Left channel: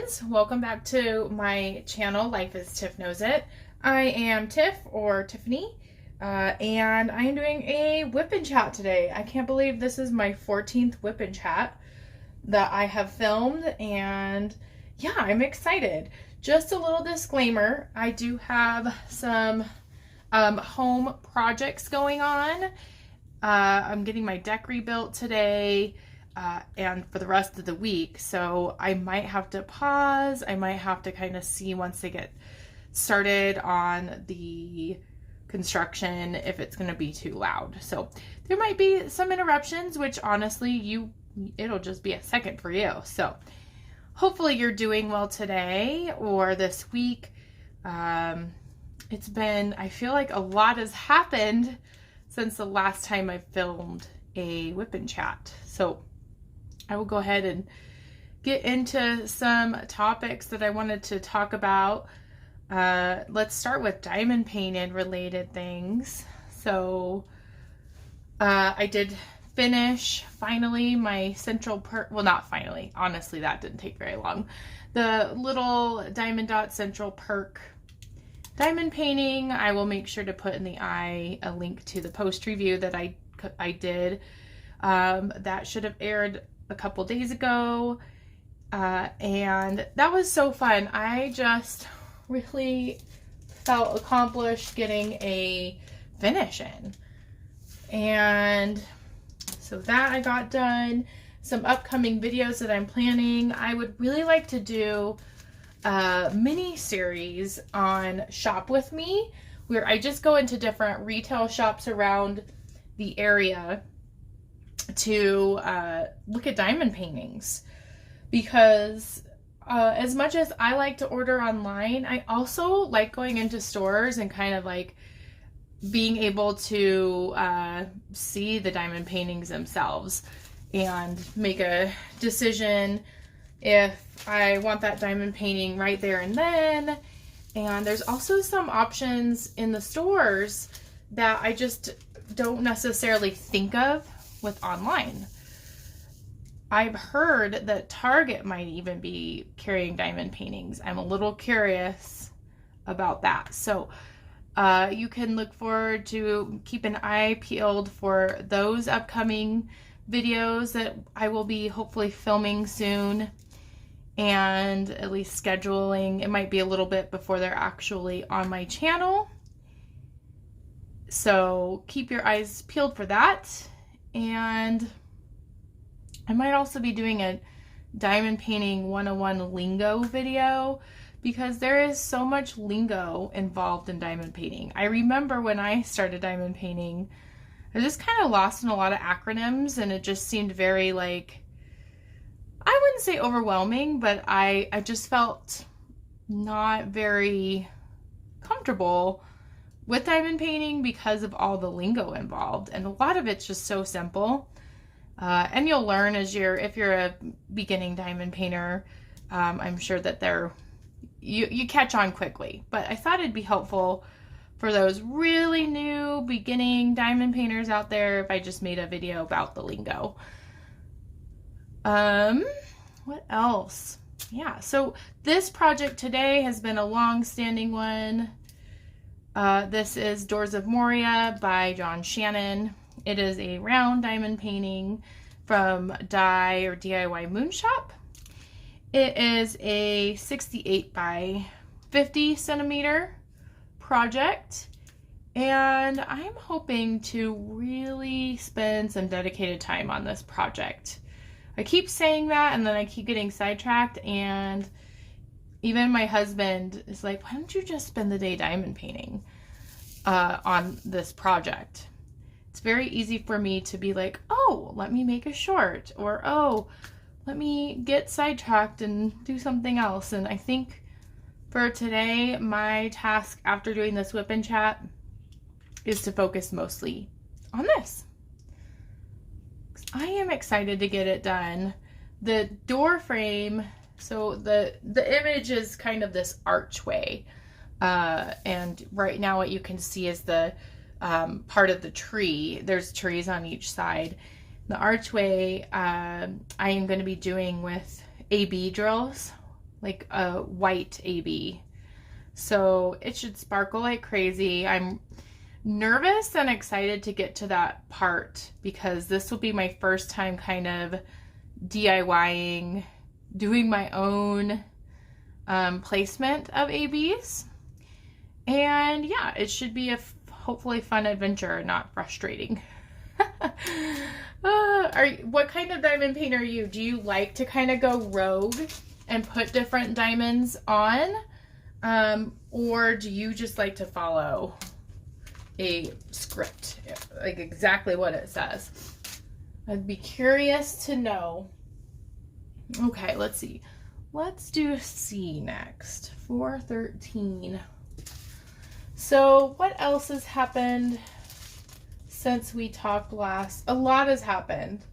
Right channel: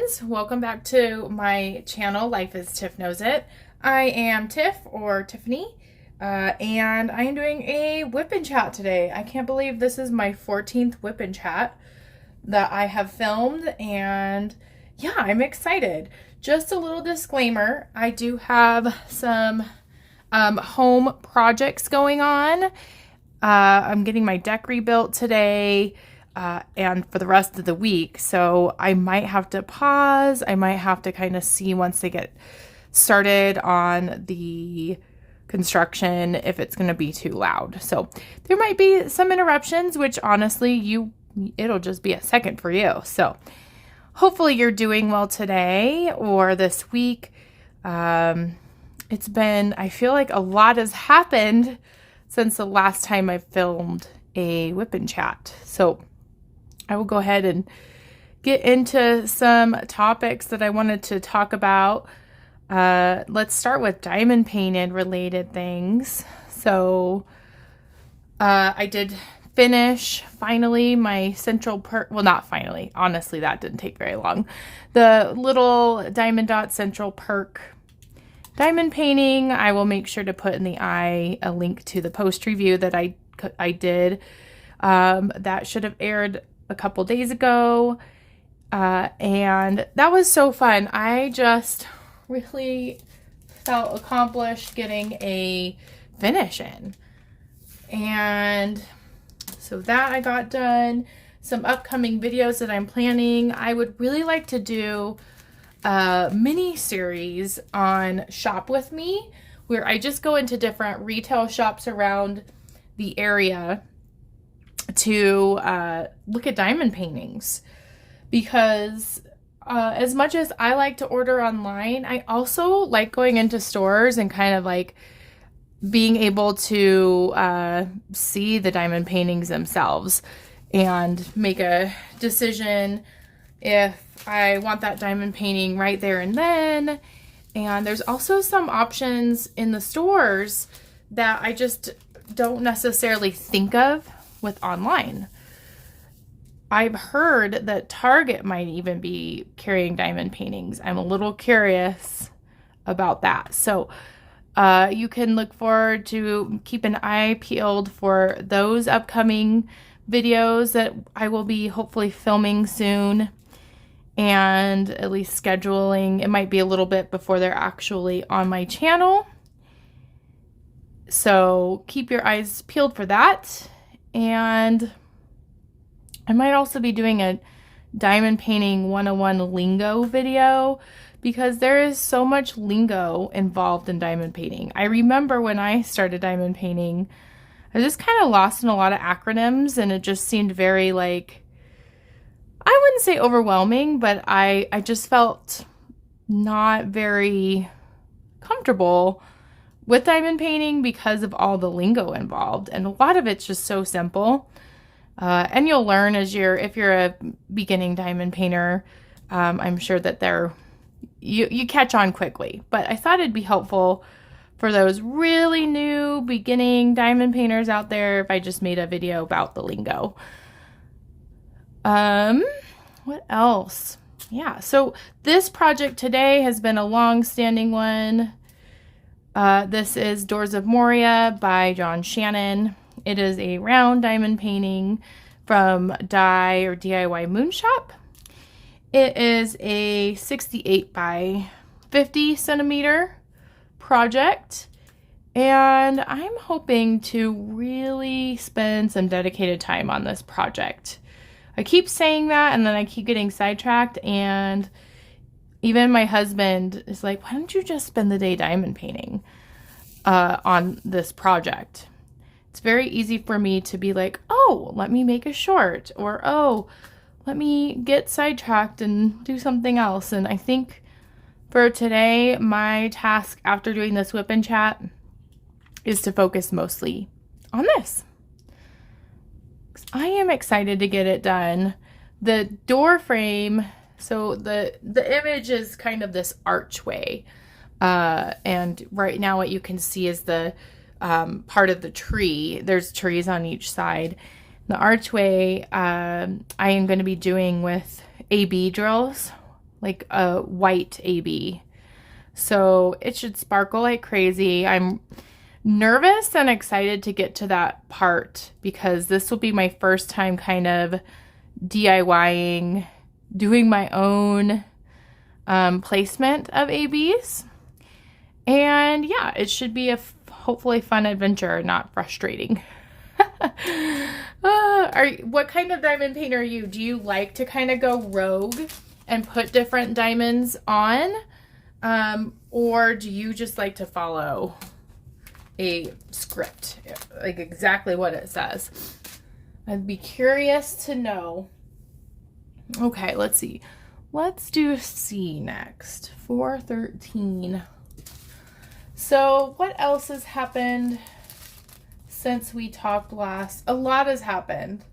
friends, welcome back to my channel, Life is Tiff Knows It. I am Tiff, or Tiffany, and I am doing a whip and chat today. I can't believe this is my 14th whip and chat that I have filmed, and yeah, I'm excited. Just a little disclaimer, I do have some home projects going on. I'm getting my deck rebuilt today. And for the rest of the week. So I might have to pause. I might have to kind of see once they get started on the construction if it's going to be too loud. So there might be some interruptions, which honestly, it'll just be a second for you. So hopefully you're doing well today or this week. It's been, I feel like a lot has happened since the last time I filmed a whip and chat. So I will go ahead and get into some topics that I wanted to talk about. Let's start with diamond painted related things. So I did finish finally my central perk. Well, not finally. Honestly, that didn't take very long. The little diamond dot central perk diamond painting. I will make sure to put in the eye a link to the post review that I did. That should have aired a couple days ago, and that was so fun. I just really felt accomplished getting a finish in, and so that I got done. Some upcoming videos that I'm planning. I would really like to do a mini series on Shop With Me, where I just go into different retail shops around the area to look at diamond paintings, because as much as I like to order online, I also like going into stores and kind of like being able to see the diamond paintings themselves and make a decision if I want that diamond painting right there and then. And there's also some options in the stores that I just don't necessarily think of with online. I've heard that Target might even be carrying diamond paintings. I'm a little curious about that. So you can look forward to keep an eye peeled for those upcoming videos that I will be hopefully filming soon, and at least scheduling. It might be a little bit before they're actually on my channel. So keep your eyes peeled for that. And I might also be doing a diamond painting 101 lingo video, because there is so much lingo involved in diamond painting. I remember when I started diamond painting, I was just kind of lost in a lot of acronyms, and it just seemed very like, I wouldn't say overwhelming, but I just felt not very comfortable with diamond painting because of all the lingo involved, and a lot of it's just so simple. And you'll learn if you're a beginning diamond painter. I'm sure that you catch on quickly, but I thought it'd be helpful for those really new beginning diamond painters out there if I just made a video about the lingo. What else? Yeah, so this project today has been a long-standing one. This is Doors of Moria by John Shannon. It is a round diamond painting from DIYmoonshop. It is a 68 by 50 centimeter project, and I'm hoping to really spend some dedicated time on this project. I keep saying that, and then I keep getting sidetracked, and even my husband is like, why don't you just spend the day diamond painting on this project? It's very easy for me to be like, oh, let me make a short, or oh, let me get sidetracked and do something else. And I think for today, my task after doing this whip and chat is to focus mostly on this. I am excited to get it done. The door frame, so the image is kind of this archway, and right now what you can see is the part of the tree. There's trees on each side. The archway I am going to be doing with AB drills like a white AB. So it should sparkle like crazy. I'm nervous and excited to get to that part because this will be my first time kind of DIYing, doing my own placement of ABs. And yeah, it should be a hopefully fun adventure, not frustrating. What kind of diamond painter are you? Do you like to kind of go rogue and put different diamonds on? Or do you just like to follow a script, like exactly what it says? I'd be curious to know. Okay, let's see. Let's do C next. 413. So what else has happened since we talked last? A lot has happened.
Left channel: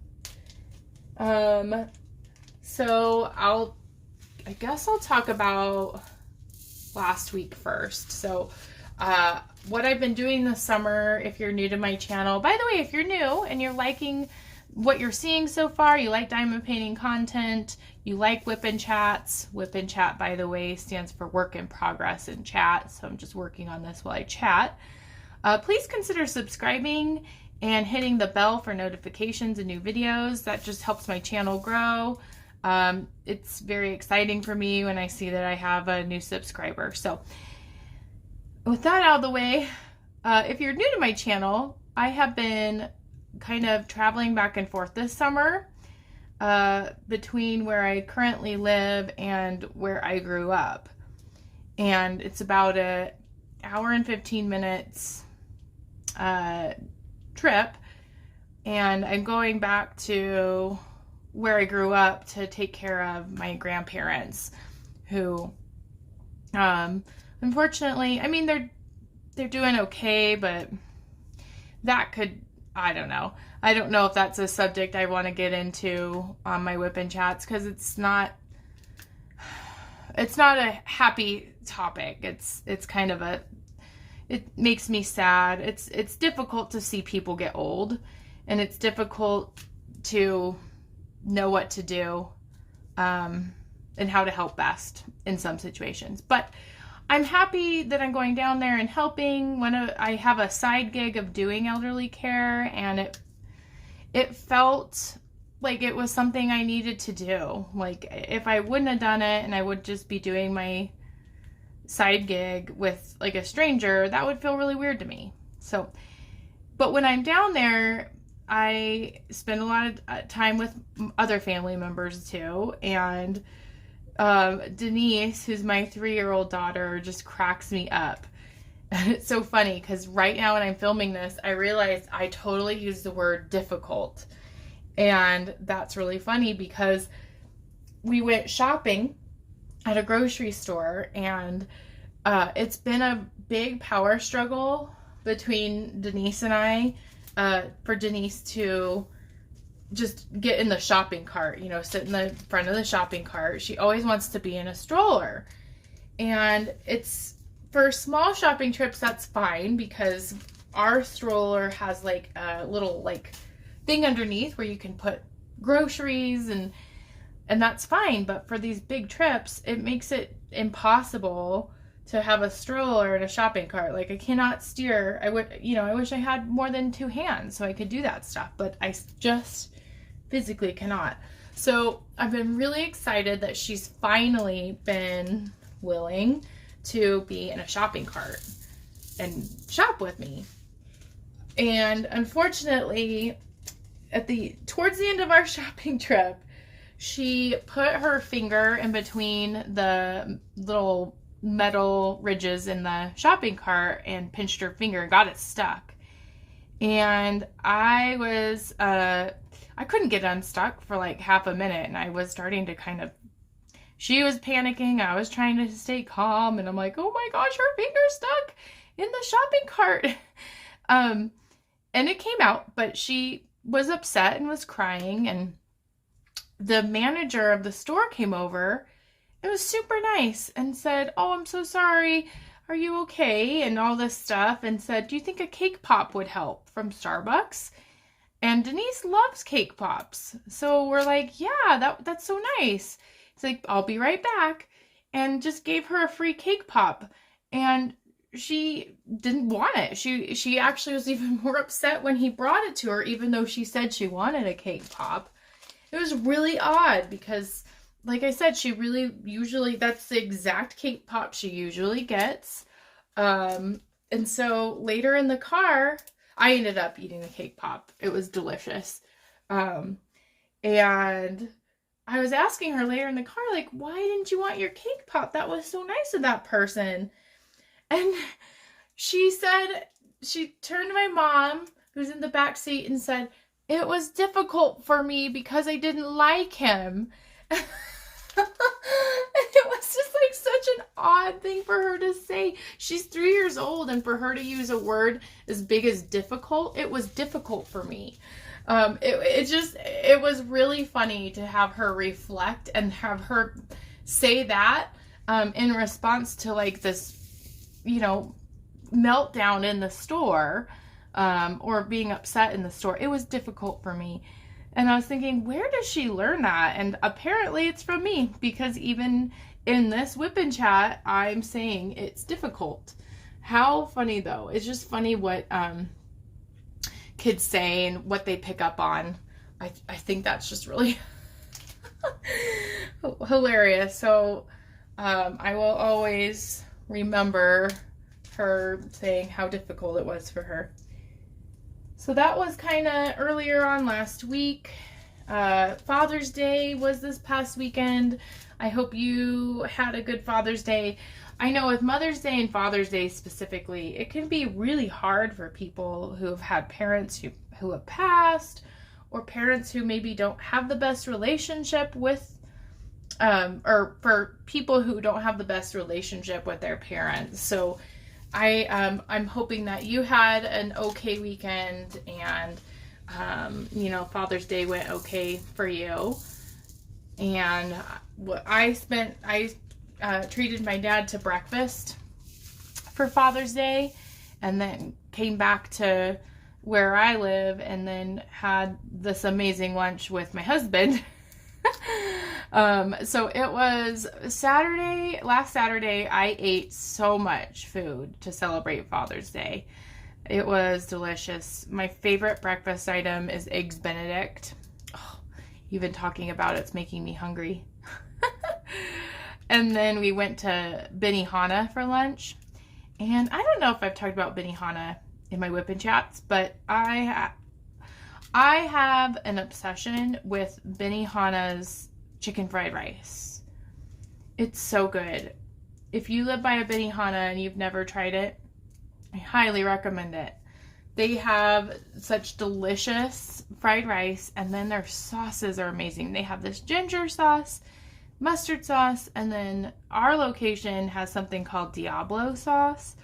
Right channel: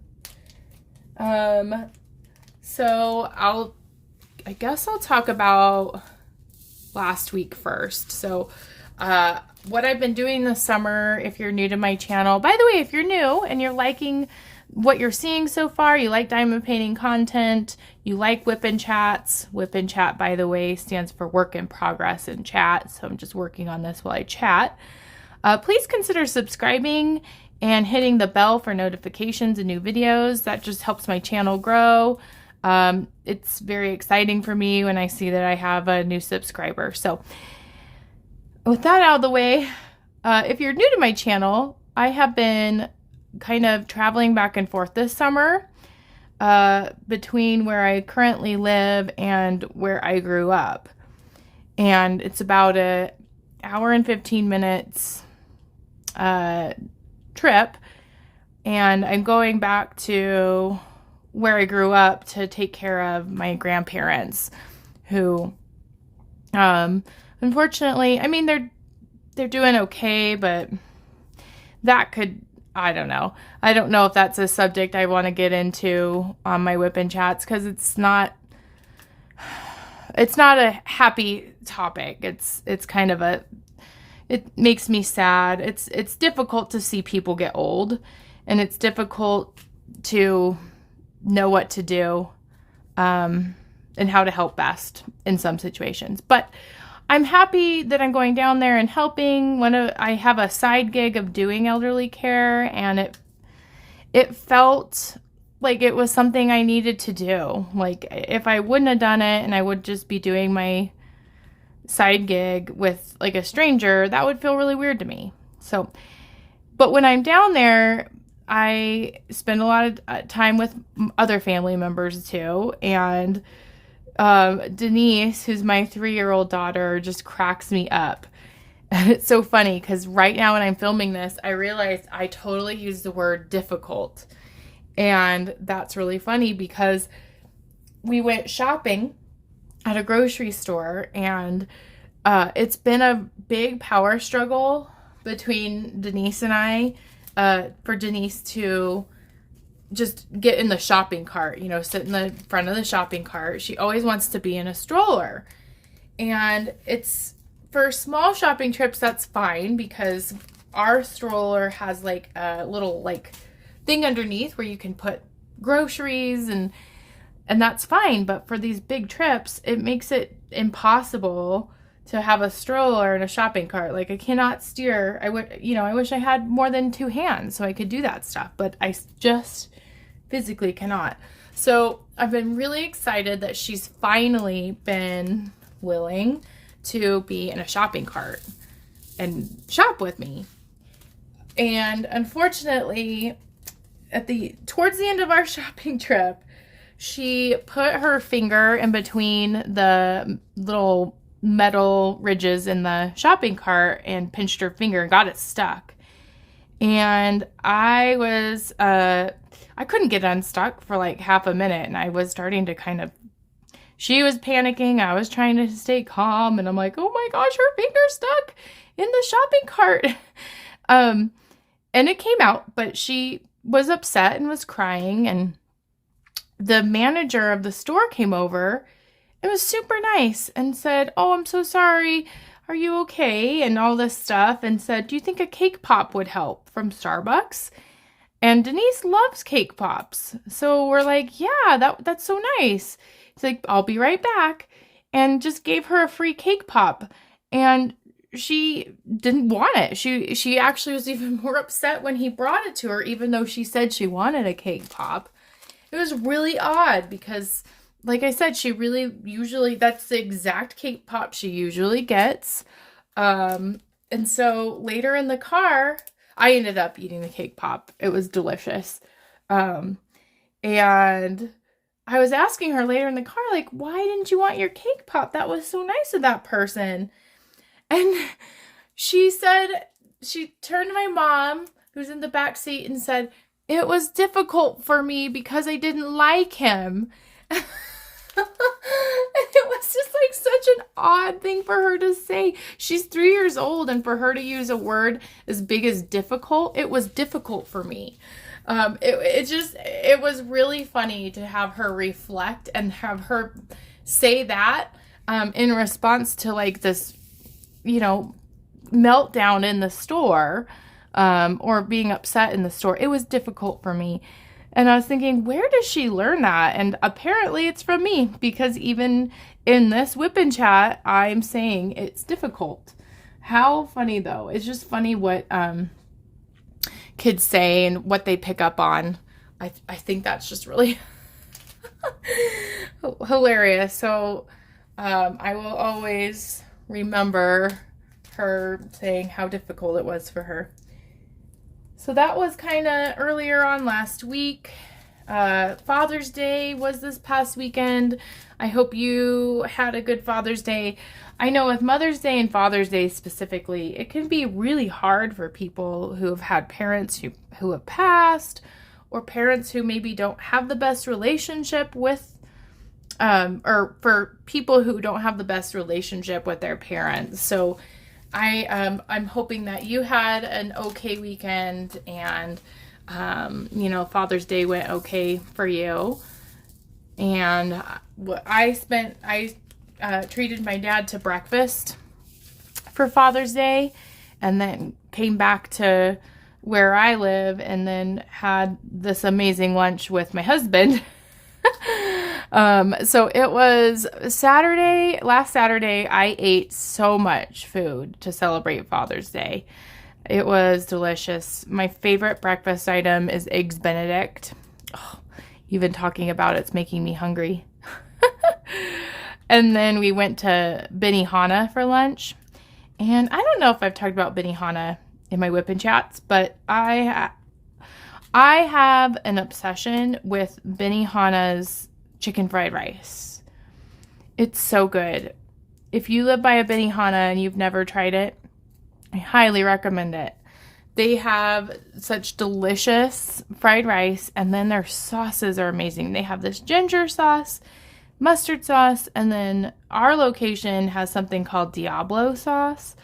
So I guess I'll talk about last week first. So what I've been doing this summer, if you're new to my channel, by the way, if you're new and you're liking what you're seeing so far, you like diamond painting content, you like WIP and chats. WIP and chat, by the way, stands for work in progress in chat. So I'm just working on this while I chat. Please consider subscribing and hitting the bell for notifications and new videos. That just helps my channel grow. It's very exciting for me when I see that I have a new subscriber. So with that out of the way, if you're new to my channel, I have been kind of traveling back and forth this summer between where I currently live and where I grew up. And it's about an hour and 15 minutes trip. And I'm going back to where I grew up to take care of my grandparents who, unfortunately, I mean, they're doing okay, but that could, I don't know. I don't know if that's a subject I want to get into on my WIP and chats because it's not a happy topic. It's kind of it makes me sad. It's difficult to see people get old, and it's difficult to know what to do and how to help best in some situations. But I'm happy that I'm going down there and helping. I have a side gig of doing elderly care, and it felt like it was something I needed to do. Like if I wouldn't have done it and I would just be doing my side gig with like a stranger, that would feel really weird to me. So, but when I'm down there, I spend a lot of time with other family members too, and Denise, who's my 3-year-old daughter, just cracks me up. And it's so funny because right now when I'm filming this, I realized I totally used the word difficult. And that's really funny because we went shopping at a grocery store, and it's been a big power struggle between Denise and I for Denise to just get in the shopping cart, you know, sit in the front of the shopping cart. She always wants to be in a stroller. And it's for small shopping trips, that's fine because our stroller has like a little like thing underneath where you can put groceries and that's fine. But for these big trips, it makes it impossible to have a stroller and a shopping cart. Like I cannot steer. I wish I had more than 2 hands so I could do that stuff, but I just physically cannot. So I've been really excited that she's finally been willing to be in a shopping cart and shop with me. And unfortunately, towards the end of our shopping trip, she put her finger in between the little metal ridges in the shopping cart and pinched her finger and got it stuck. And I couldn't get unstuck for like half a minute, and I was starting to she was panicking. I was trying to stay calm, and I'm like, oh my gosh, her finger's stuck in the shopping cart. And it came out, but she was upset and was crying, and the manager of the store came over. It was super nice and said, oh, I'm so sorry. Are you okay? And all this stuff, and said, do you think a cake pop would help from Starbucks? And Denise loves cake pops. So we're like, yeah, that's so nice. It's like, I'll be right back. and just gave her a free cake pop. And she didn't want it. She actually was even more upset when he brought it to her, even though she said she wanted a cake pop. It was really odd because, like I said, she really usually, that's the exact cake pop she usually gets. And so later in the car, I ended up eating the cake pop. It was delicious. And I was asking her later in the car, like, why didn't you want your cake pop? That was so nice of that person. And she said, she turned to my mom, who's in the back seat, and said, it was difficult for me because I didn't like him. And it was just like such an odd thing for her to say. She's 3 years old, and for her to use a word as big as difficult, it was difficult for me. It was really funny to have her reflect and have her say that in response to like this, meltdown in the store, or being upset in the store. It was difficult for me. And I was thinking, where does she learn that? And apparently it's from me, because even in this whip and chat, I'm saying it's difficult. How funny though. It's just funny what kids say and what they pick up on. I think that's just really hilarious. So I will always remember her saying how difficult it was for her. So that was kind of earlier on last week. Father's Day was this past weekend. I hope you had a good Father's Day. I know with Mother's Day and Father's Day specifically, it can be really hard for people who have had parents who have passed, or parents who maybe don't have the best relationship with, or for people who don't have the best relationship with their parents. So I'm hoping that you had an okay weekend, and Father's Day went okay for you. And what I treated my dad to breakfast for Father's Day, and then came back to where I live and then had this amazing lunch with my husband. So it was last Saturday, I ate so much food to celebrate Father's Day. It was delicious. My favorite breakfast item is Eggs Benedict. Oh, even talking about it's making me hungry. And then we went to Benihana for lunch. And I don't know if I've talked about Benihana in my whip and chats, but I have an obsession with Benihana's chicken fried rice. It's so good. If you live by a Benihana and you've never tried it, I highly recommend it. They have such delicious fried rice, and then their sauces are amazing. They have this ginger sauce, mustard sauce, and then our location has something called Diablo sauce,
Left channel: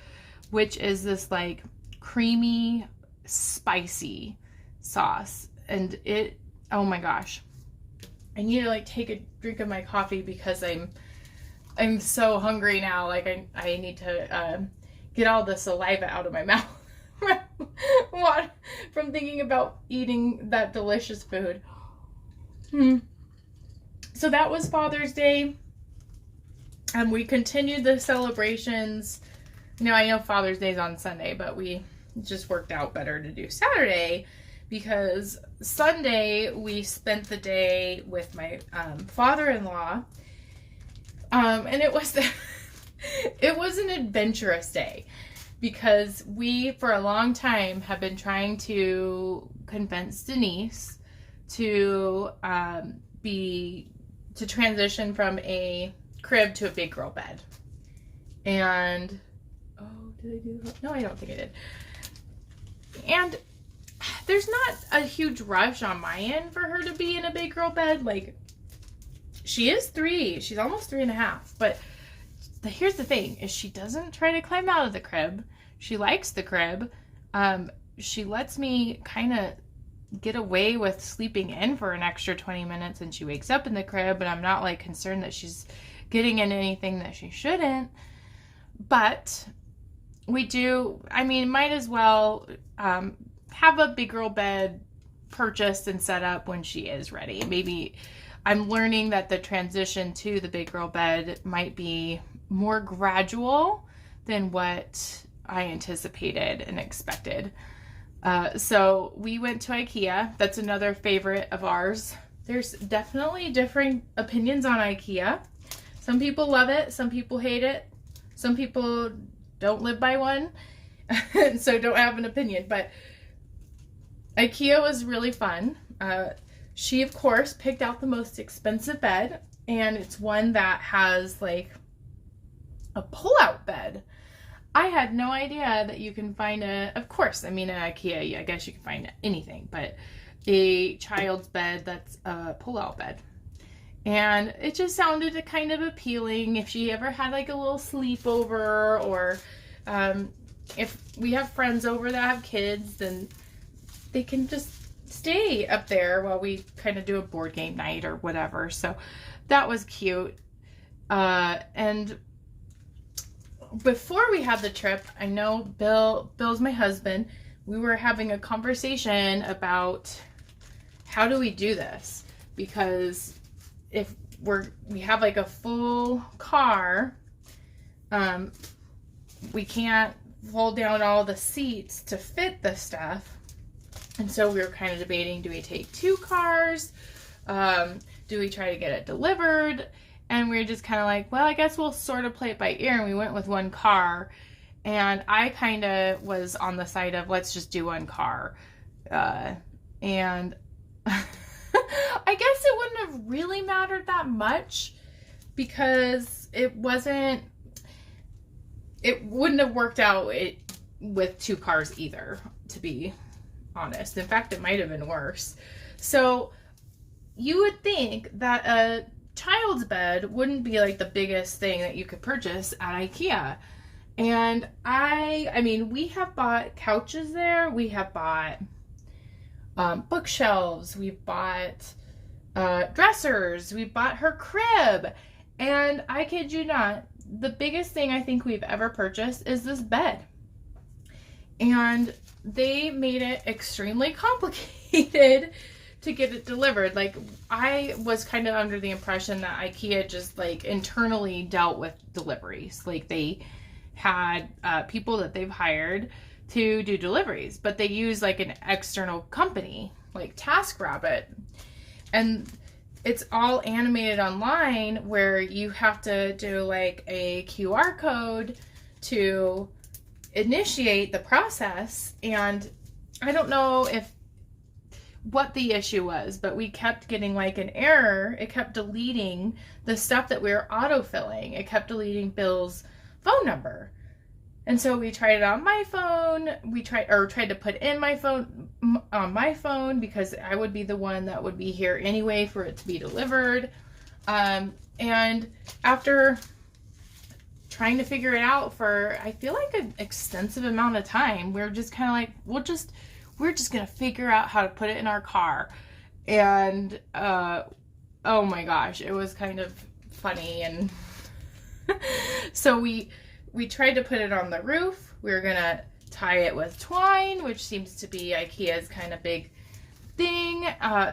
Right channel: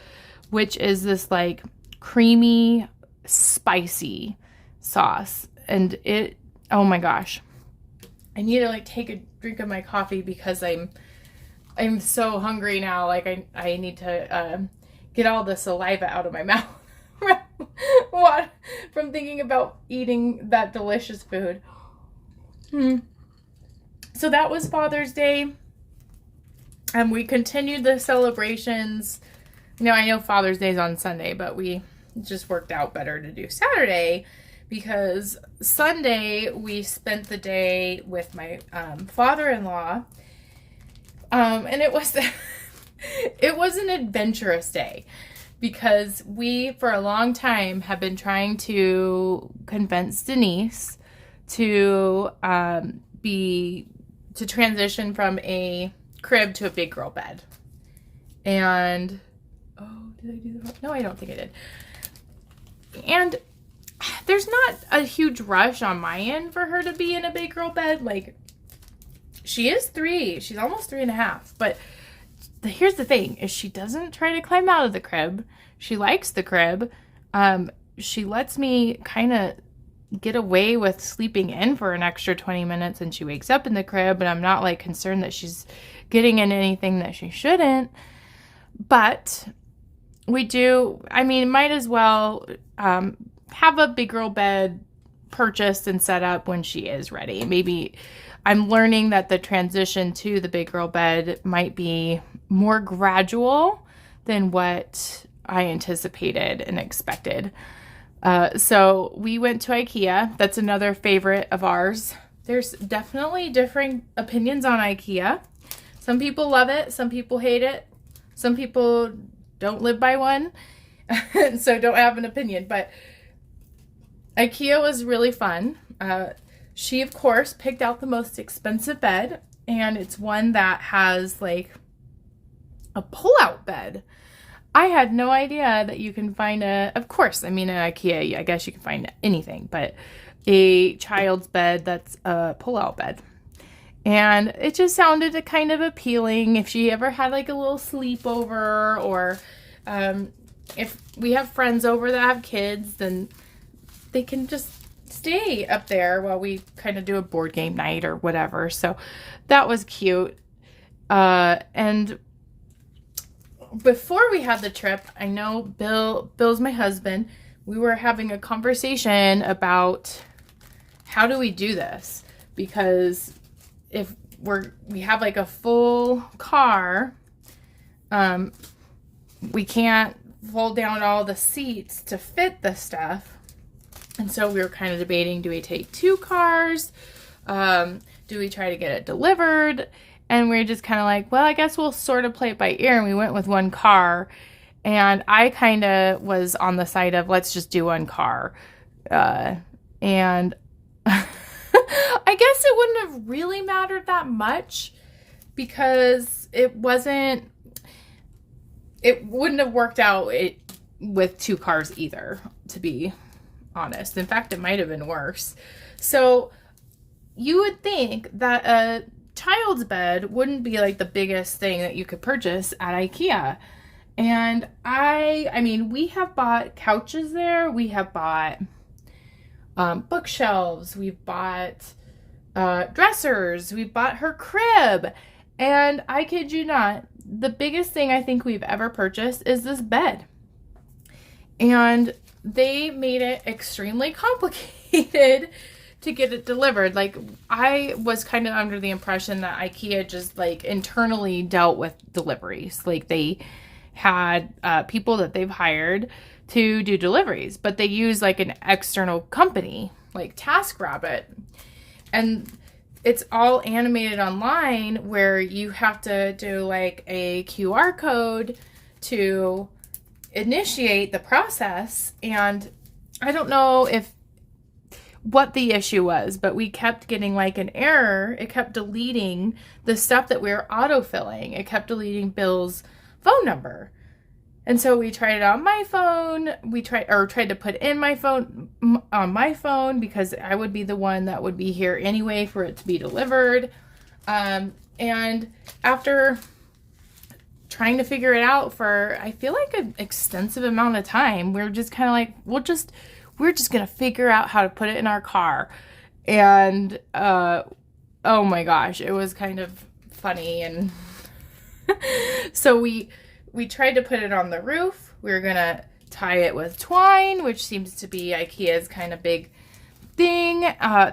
which is this like creamy, spicy sauce. And oh my gosh, I need to like take a drink of my coffee because I'm so hungry now. Like I need to get all the saliva out of my mouth from thinking about eating that delicious food. So that was Father's Day. And we continued the celebrations. I know Father's Day is on Sunday, but we just worked out better to do Saturday, because Sunday we spent the day with my father-in-law. And it was it was an adventurous day, because we for a long time have been trying to convince Denise to transition from a crib to a big girl bed. And did I do that? No, I don't think I did. And there's not a huge rush on my end for her to be in a big girl bed. Like, she is 3. She's almost 3.5. But here's the thing, is she doesn't try to climb out of the crib. She likes the crib. She lets me kind of get away with sleeping in for an extra 20 minutes, and she wakes up in the crib, and I'm not like concerned that she's getting in anything that she shouldn't. But we do, might as well have a big girl bed purchased and set up when she is ready. Maybe I'm learning that the transition to the big girl bed might be more gradual than what I anticipated and expected. So we went to Ikea. That's another favorite of ours. There's definitely differing opinions on Ikea. Some people love it. Some people hate it. Some people don't live by one, so don't have an opinion. But Ikea was really fun. She, of course, picked out the most expensive bed, and it's one that has like a pull-out bed. I had no idea that you can find of course, I mean, at Ikea, I guess you can find anything, but a child's bed that's a pull-out bed. And it just sounded kind of appealing if she ever had like a little sleepover, or if we have friends over that have kids, then they can just stay up there while we kind of do a board game night or whatever. So that was cute. And before we had the trip, I know Bill's my husband, we were having a conversation about how do we do this, because if we have like a full car, we can't fold down all the seats to fit the stuff. And so we were kind of debating, do we take 2 cars? Do we try to get it delivered? And we were just kind of like, well, I guess we'll sort of play it by ear. And we went with 1 car. And I kind of was on the side of, let's just do 1 car. And I guess it wouldn't have really mattered that much, because it wouldn't have worked out with 2 cars either, to be honest. In fact, it might have been worse. So you would think that a child's bed wouldn't be like the biggest thing that you could purchase at Ikea. And I mean, we have bought couches there. We have bought bookshelves. We've bought dressers. We bought her crib. And I kid you not, the biggest thing I think we've ever purchased is this bed. And they made it extremely complicated to get it delivered. Like, I was kind of under the impression that Ikea just like internally dealt with deliveries. Like, they had people that they've hired to do deliveries, but they use like an external company like TaskRabbit, and it's all animated online where you have to do like a QR code to initiate the process. And I don't know what the issue was, but we kept getting like an error. It kept deleting the stuff that we were autofilling. It kept deleting Bill's phone number. And so we tried it on my phone. We tried to put in my phone on my phone, because I would be the one that would be here anyway for it to be delivered. And after trying to figure it out for, I feel like, an extensive amount of time, we're just kind of like, we're just gonna figure out how to put it in our car. And oh my gosh, it was kind of funny. And so we tried to put it on the roof. We were gonna tie it with twine, which seems to be Ikea's kind of big thing.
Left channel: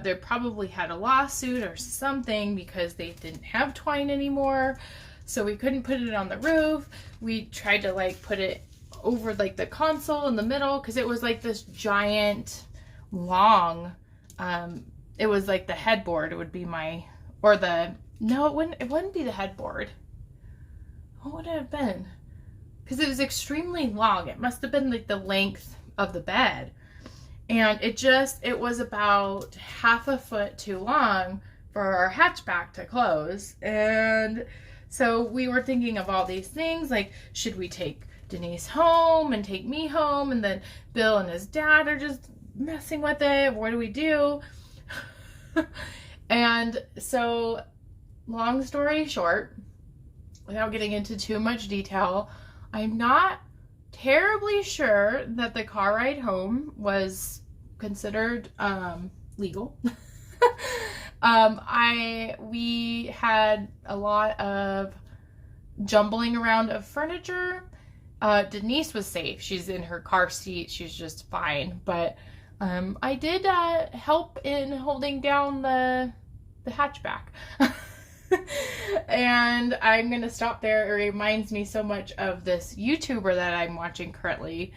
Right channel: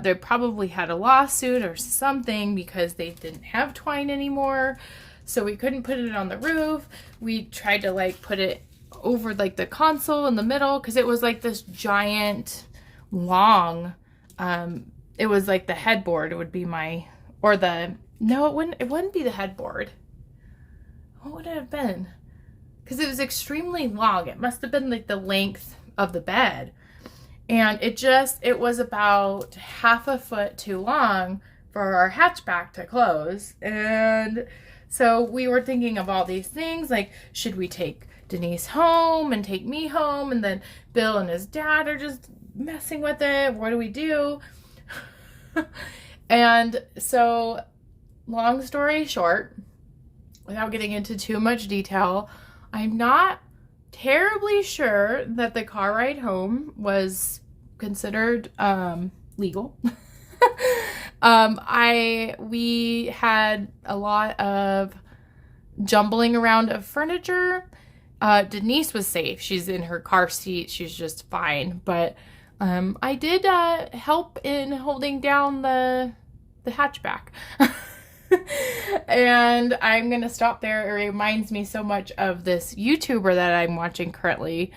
They probably had a lawsuit or something because they didn't have twine anymore. So we couldn't put it on the roof. We tried to like put it over like the console in the middle, because it was like this giant long, it was like the headboard. It would be no, it wouldn't be the headboard. What would it have been? Because it was extremely long. It must have been like the length of the bed. And it was about half a foot too long for our hatchback to close. And so we were thinking of all these things, like, should we take Denise home and take me home? And then Bill and his dad are just messing with it. What do we do? And so, long story short, without getting into too much detail, I'm not terribly sure that the car ride home was considered legal. We had a lot of jumbling around of furniture. Denise was safe. She's in her car seat. She's just fine. But I did help in holding down the the hatchback. And I'm going to stop there. It reminds me so much of this YouTuber that I'm watching currently,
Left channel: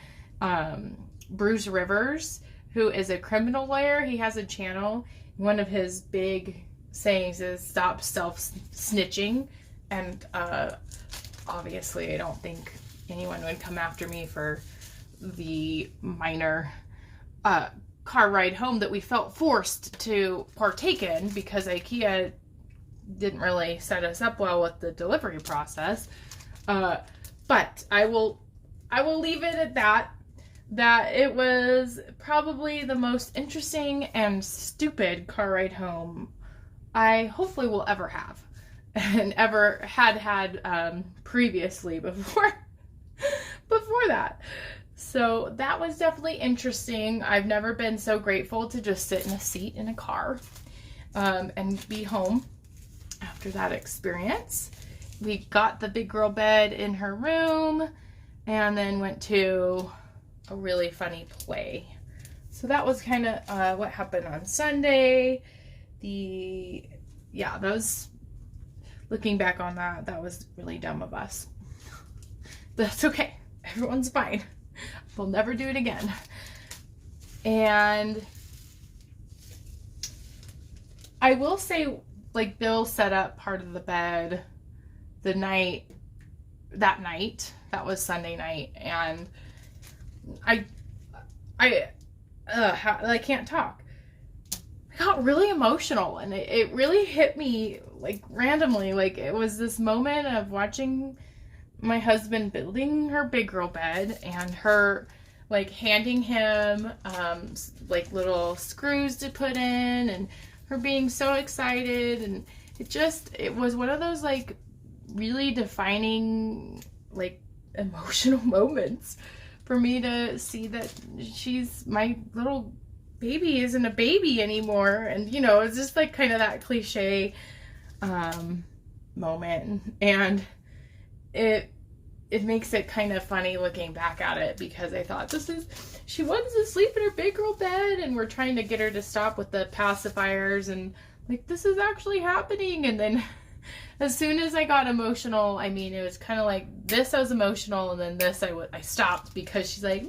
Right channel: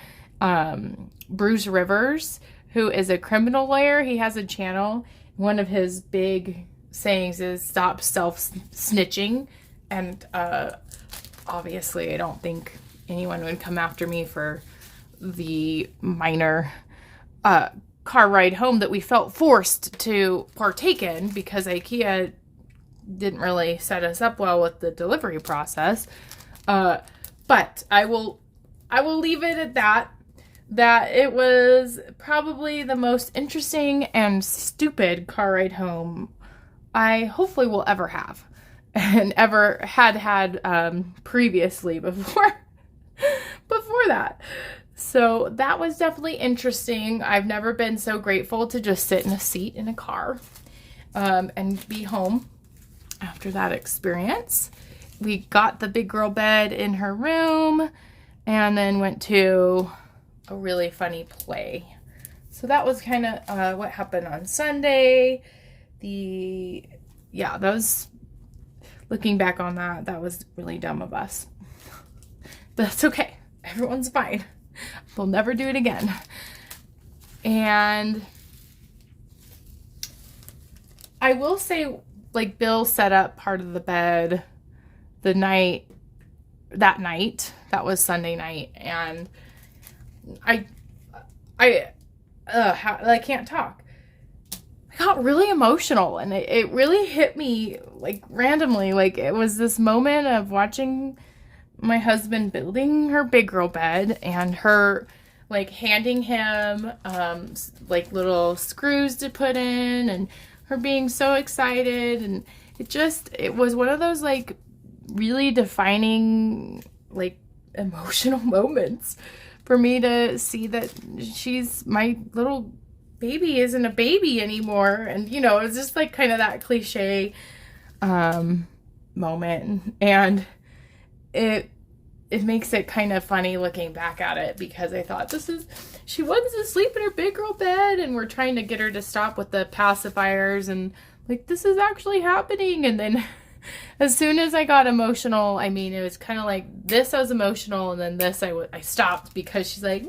Bruce Rivers, who is a criminal lawyer. He has a channel. One of his big sayings is stop self-snitching. And obviously I don't think anyone would come after me for the minor car ride home that we felt forced to partake in because Ikea didn't really set us up well with the delivery process. But I will leave it at that it was probably the most interesting and stupid car ride home I hopefully will ever have and ever had previously before that. So that was definitely interesting. I've never been so grateful to just sit in a seat in a car and be home after that experience. We got the big girl bed in her room and then went to a really funny play. So that was kind of what happened on Sunday. Looking back on that was really dumb of us. But that's okay. Everyone's fine. We'll never do it again. And I will say, like, Bill set up part of the bed that night. That was Sunday night. And I can't talk. I got really emotional, and it really hit me, like, randomly. Like, it was this moment of watching my husband building her big girl bed and her, like, handing him, like, little screws to put in, and her being so excited. And it was one of those, like, really defining, like, emotional moments for me to see that my little baby isn't a baby anymore. And, you know, it's just, like, kind of that cliche moment. And it makes it kind of funny looking back at it, because I thought she wants to sleep in her big girl bed, and we're trying to get her to stop with the pacifiers, and, like, this is actually happening. And then as soon as I got emotional, I mean, it was kind of like this, I was emotional, and then this, I stopped, because she's like,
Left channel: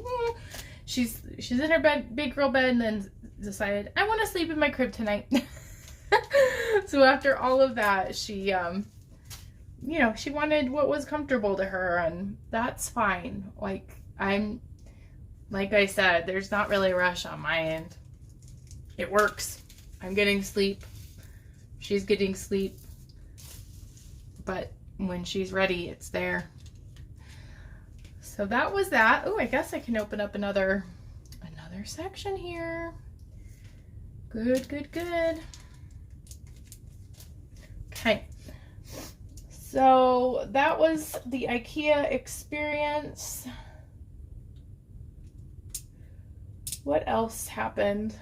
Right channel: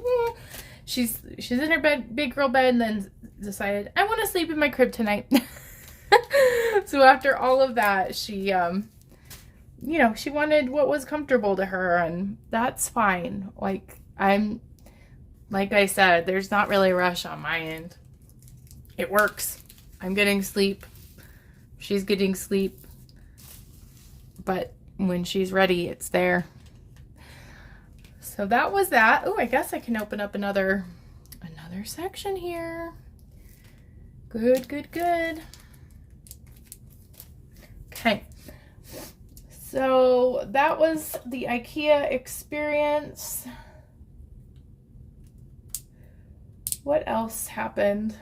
she's in her big girl bed, and then decided, I want to sleep in my crib tonight. So after all of that, she, she wanted what was comfortable to her, and that's fine. Like I said, there's not really a rush on my end. It works. I'm getting sleep. She's getting sleep. But when she's ready, it's there. So that was that. Oh, I guess I can open up another section here. Good. Okay. So that was the IKEA experience. What else happened?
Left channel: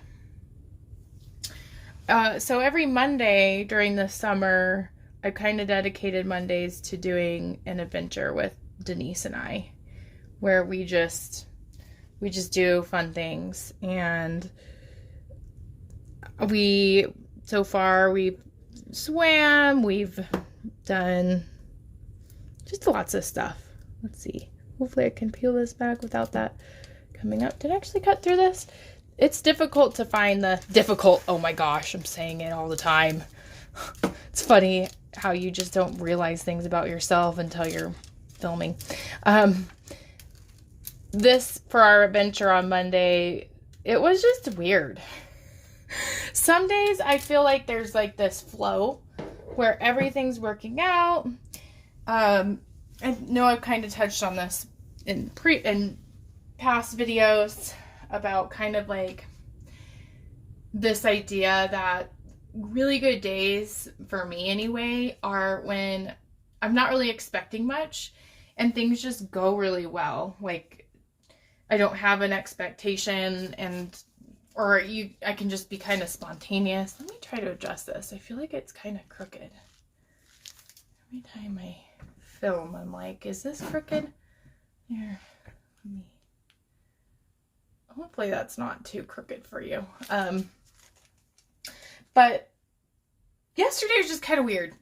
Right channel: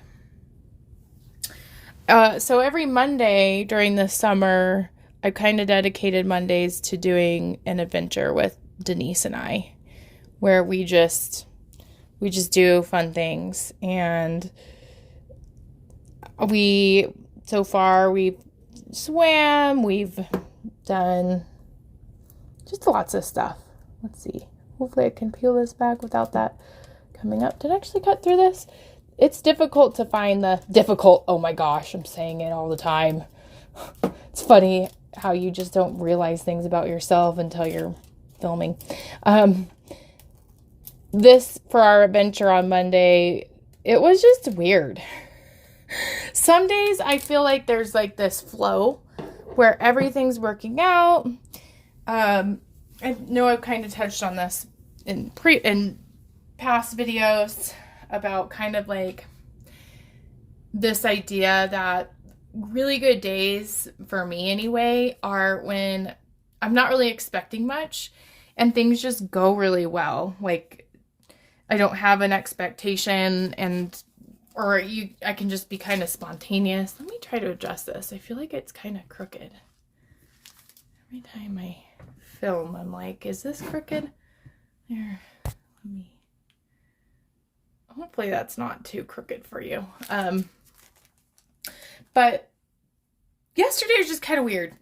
So every Monday during the summer, I kind of dedicated Mondays to doing an adventure with Denise and I, where we just do fun things. And so far we've swam, we've done just lots of stuff. Let's see. Hopefully I can peel this back without that coming up. Did I actually cut through this? It's difficult to find oh my gosh, I'm saying it all the time. It's funny how you just don't realize things about yourself until you're filming. This, for our adventure on Monday, it was just weird. Some days I feel like there's like this flow where everything's working out. I know I've kind of touched on this in past videos about kind of like this idea that really good days, for me anyway, are when I'm not really expecting much and things just go really well. Like, I don't have an expectation, I can just be kind of spontaneous. Let me try to adjust this. I feel like it's kind of crooked. Every time I film, I'm like, is this crooked? There, hopefully that's not too crooked for you. But yesterday was just kind of weird.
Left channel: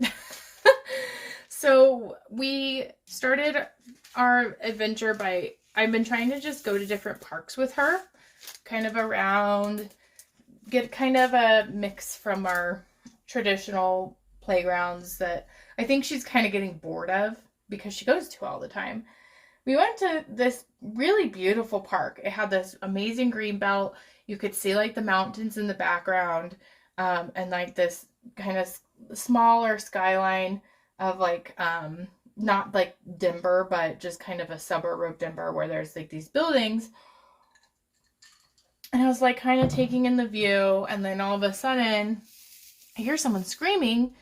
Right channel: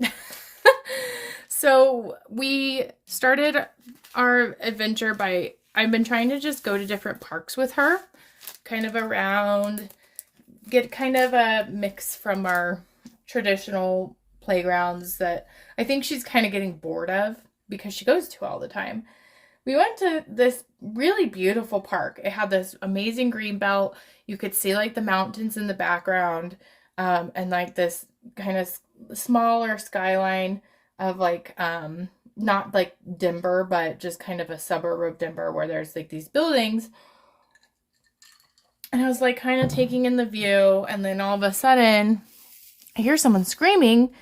So we started our adventure by, I've been trying to just go to different parks with her, kind of around, get kind of a mix from our traditional playgrounds that I think she's kind of getting bored of because she goes to all the time. We went to this really beautiful park. It had this amazing green belt. You could see like the mountains in the background, and like this kind of smaller skyline of like, not like Denver, but just kind of a suburb of Denver where there's like these buildings. And I was like kind of taking in the view, and then all of a sudden I hear someone screaming,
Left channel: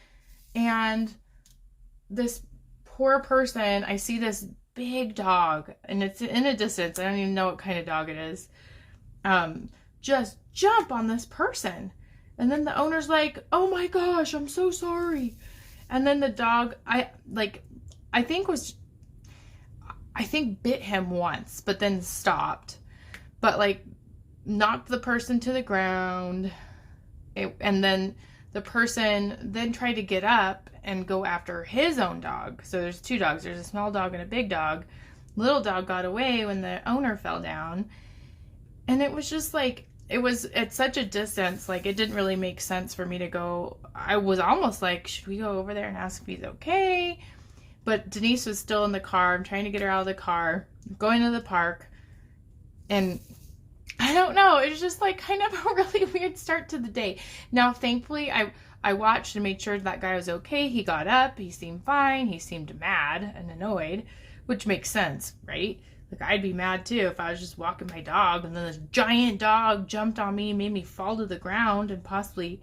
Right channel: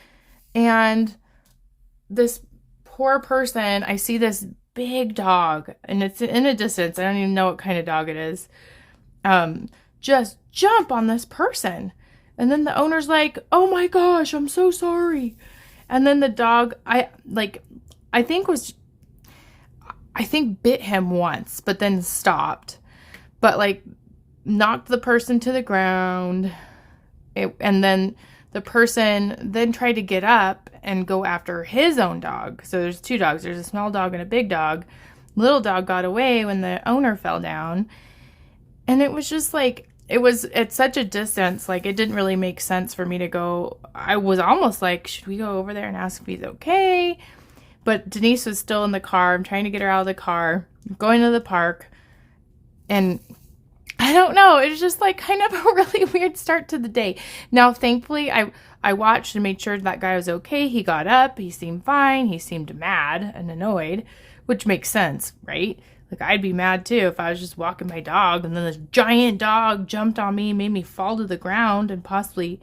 and this poor person, I see this big dog, and it's in a distance. I don't even know what kind of dog it is. Just jump on this person. And then the owner's like, "Oh my gosh, I'm so sorry." And then the dog, I think bit him once, but then stopped. But like knocked the person to the ground. And then the person then tried to get up and go after his own dog. So there's two dogs. There's a small dog and a big dog. Little dog got away when the owner fell down. And it was just like, it was at such a distance, like it didn't really make sense for me to go. I was almost like, should we go over there and ask if he's okay? But Denise was still in the car. I'm trying to get her out of the car. I'm going to the park. And I don't know. It was just like kind of a really weird start to the day. Now, thankfully, I watched and made sure that guy was okay. He got up. He seemed fine. He seemed mad and annoyed, which makes sense, right? Like, I'd be mad too if I was just walking my dog and then this giant dog jumped on me, made me fall to the ground, and possibly,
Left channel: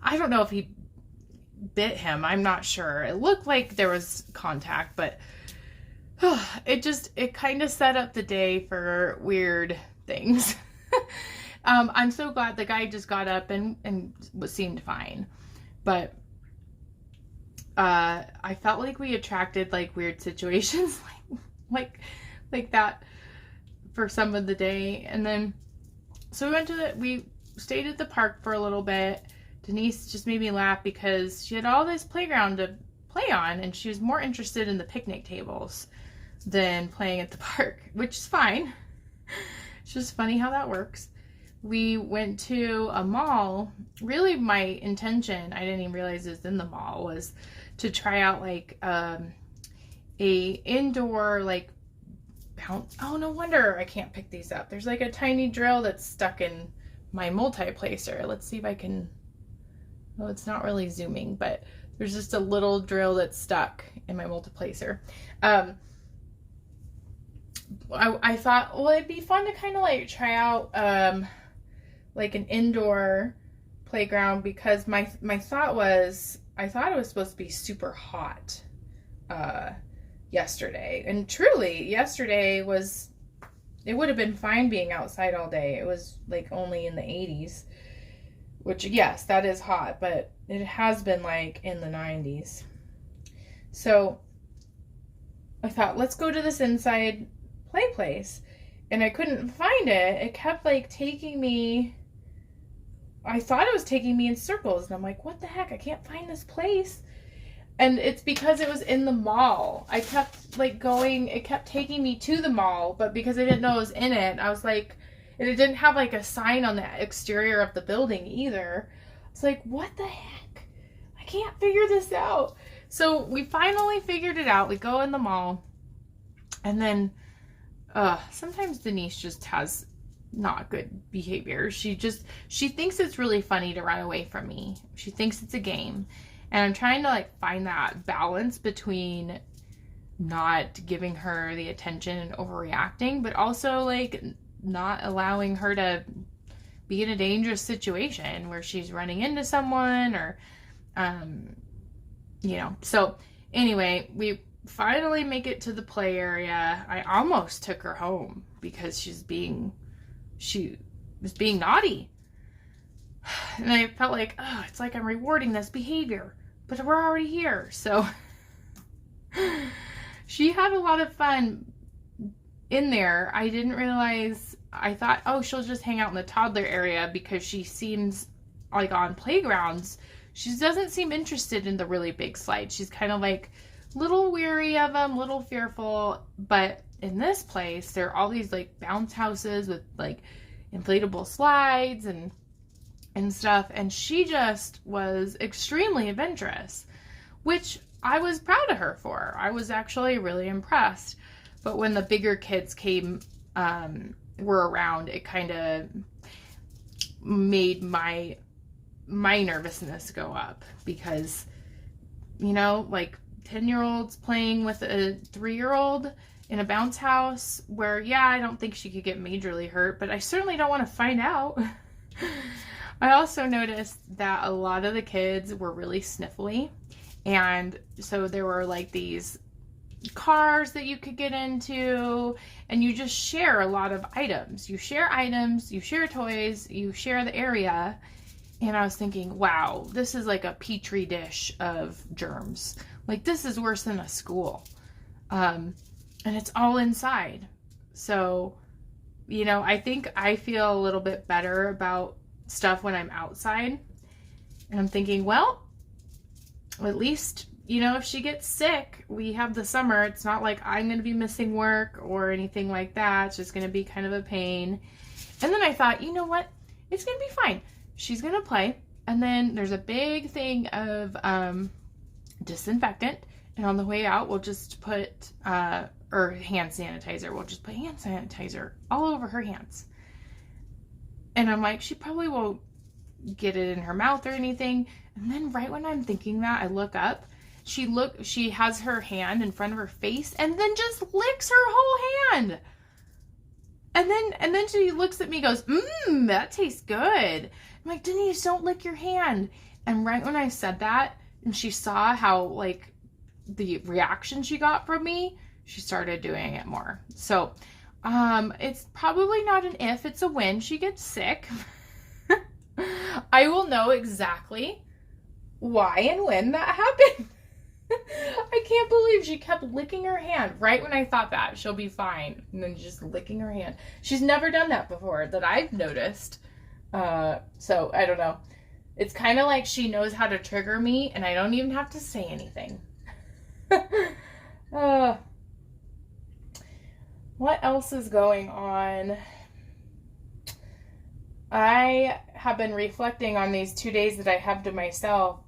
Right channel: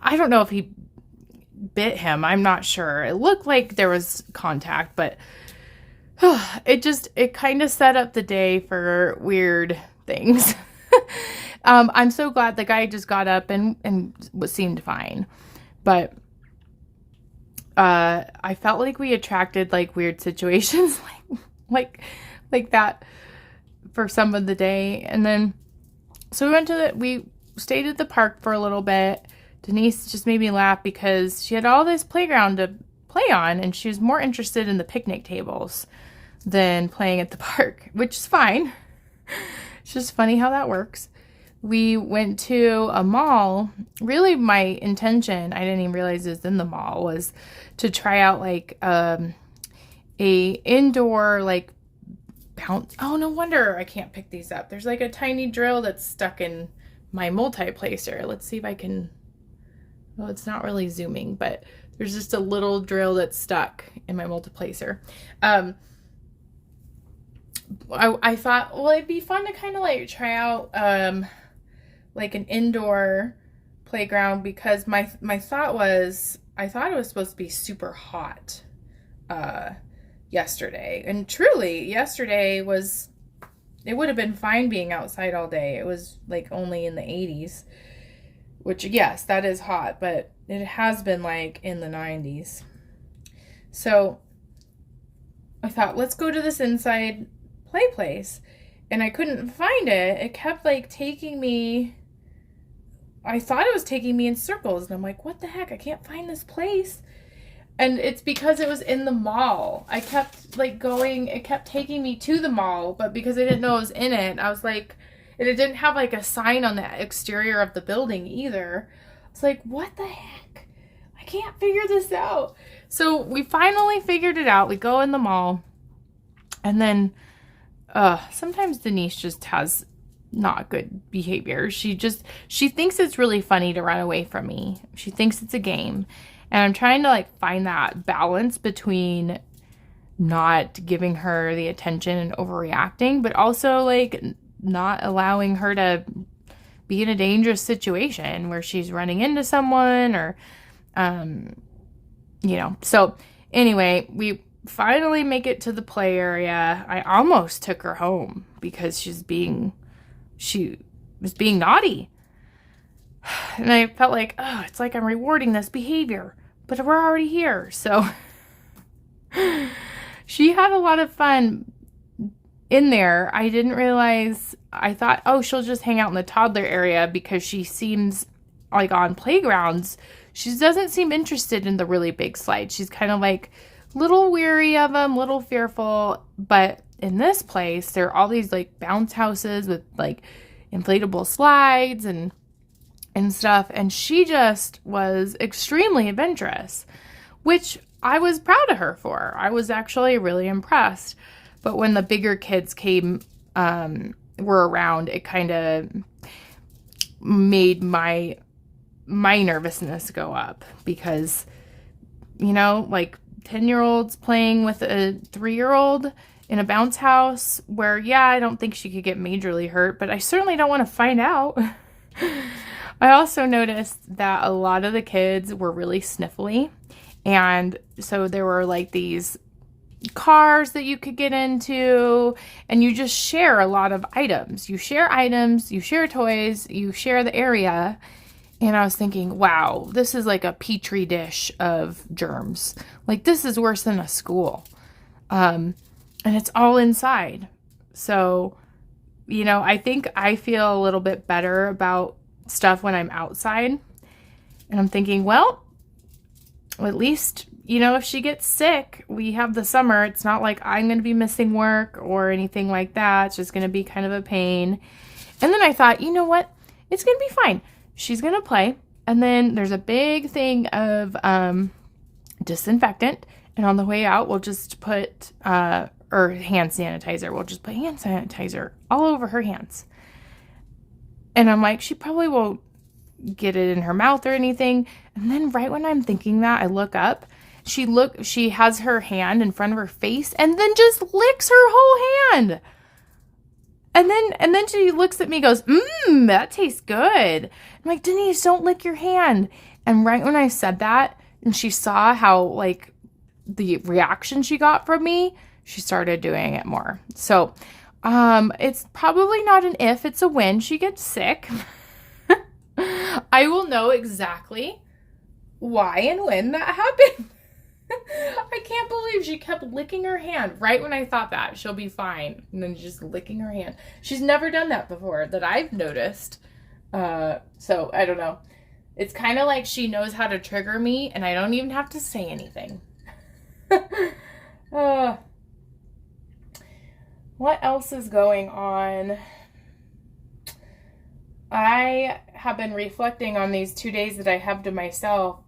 I don't know if he bit him. I'm not sure. It looked like there was contact, but it kind of set up the day for weird things. I'm so glad the guy just got up and seemed fine. But I felt like we attracted like weird situations like that for some of the day. And then so we stayed at the park for a little bit. Denise just made me laugh because she had all this playground to play on, and she was more interested in the picnic tables than playing at the park, which is fine. It's just funny how that works. We went to a mall. Really, my intention, I didn't even realize it was in the mall, was to try out like a indoor like bounce. Oh, no wonder I can't pick these up. There's like a tiny drill that's stuck in my multi-placer. Let's see if I can. Well, it's not really zooming, but there's just a little drill that's stuck in my multi-placer. I thought, well, it'd be fun to kind of like try out like an indoor playground, because my thought was, I thought it was supposed to be super hot yesterday. And truly, yesterday was, it would have been fine being outside all day. It was like only in the 80s, which yes, that is hot, but it has been like in the 90s. So I thought, let's go to this inside play place. And I couldn't find it. It kept like taking me, I thought it was taking me in circles, and I'm like, what the heck? I can't find this place. And it's because it was in the mall. I kept like going, it kept taking me to the mall, but because I didn't know it was in it, I was like, and it didn't have like a sign on the exterior of the building either. It's like, what the heck? I can't figure this out. So we finally figured it out. We go in the mall, and then sometimes Denise just has not good behavior. She thinks it's really funny to run away from me. She thinks it's a game. And I'm trying to like find that balance between not giving her the attention and overreacting, but also like not allowing her to be in a dangerous situation where she's running into someone or, So anyway, we finally make it to the play area. I almost took her home because she was being naughty. And I felt like, oh, it's like I'm rewarding this behavior, but we're already here. So she had a lot of fun in there. I didn't realize, I thought, oh, she'll just hang out in the toddler area because she seems like on playgrounds, She doesn't seem interested in the really big slides. She's kind of like little weary of them, little fearful. But in this place, there are all these like bounce houses with like inflatable slides and stuff. And she just was extremely adventurous, which I was proud of her for. I was actually really impressed. But when the bigger kids were around, it kind of made my nervousness go up because, you know, like 10-year-olds playing with a 3-year-old in a bounce house where, yeah, I don't think she could get majorly hurt, but I certainly don't want to find out. I also noticed that a lot of the kids were really sniffly. And so there were like these cars that you could get into, and you just share a lot of items. You share items, you share toys, you share the area. And I was thinking, wow, this is like a petri dish of germs. Like, this is worse than a school. And it's all inside. So, you know, I think I feel a little bit better about stuff when I'm outside. And I'm thinking, well, at least, you know, if she gets sick, we have the summer. It's not like I'm going to be missing work or anything like that. It's just going to be kind of a pain. And then I thought, you know what? It's going to be fine. She's going to play. And then there's a big thing of disinfectant. And on the way out, we'll just put, or hand sanitizer. We'll just put hand sanitizer all over her hands. And I'm like, she probably won't get it in her mouth or anything. And then right when I'm thinking that, I look up. She has her hand in front of her face and then just licks her whole hand. And then she looks at me and goes, that tastes good. I'm like, Denise, don't lick your hand. And right when I said that, and she saw how, like, the reaction she got from me, she started doing it more. So, it's probably not an if, it's a when she gets sick. I will know exactly why and when that happened. I can't believe she kept licking her hand right when I thought that she'll be fine, and then just licking her hand. She's never done that before that I've noticed. So I don't know. It's kind of like she knows how to trigger me, and I don't even have to say anything. What else is going on? I have been reflecting on these 2 days that I have to myself.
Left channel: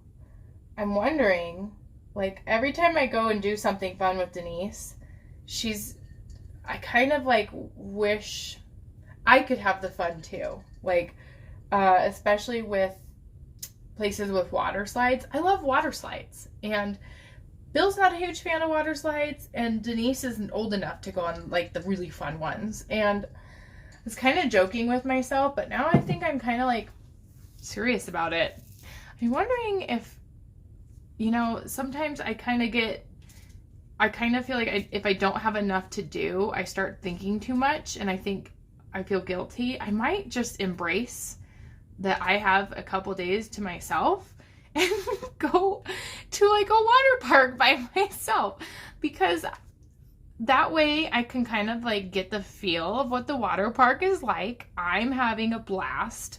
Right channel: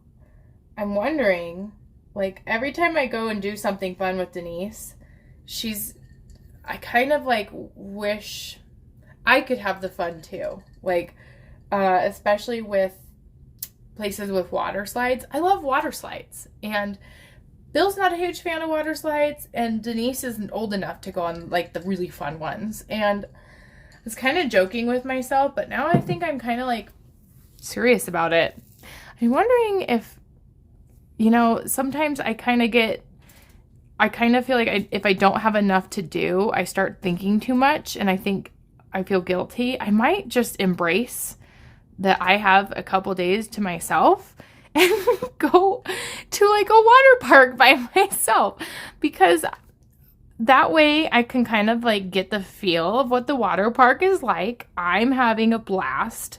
I'm wondering, like, every time I go and do something fun with Denise, I kind of like wish I could have the fun too. Like, especially with places with water slides. I love water slides, and Bill's not a huge fan of water slides, and Denise isn't old enough to go on like the really fun ones. And I was kind of joking with myself, but now I think I'm kind of like serious about it. I'm wondering if, you know, sometimes I kind of feel like if I don't have enough to do, I start thinking too much, and I think I feel guilty. I might just embrace that I have a couple days to myself and go to like a water park by myself, because that way I can kind of like get the feel of what the water park is like. I'm having a blast,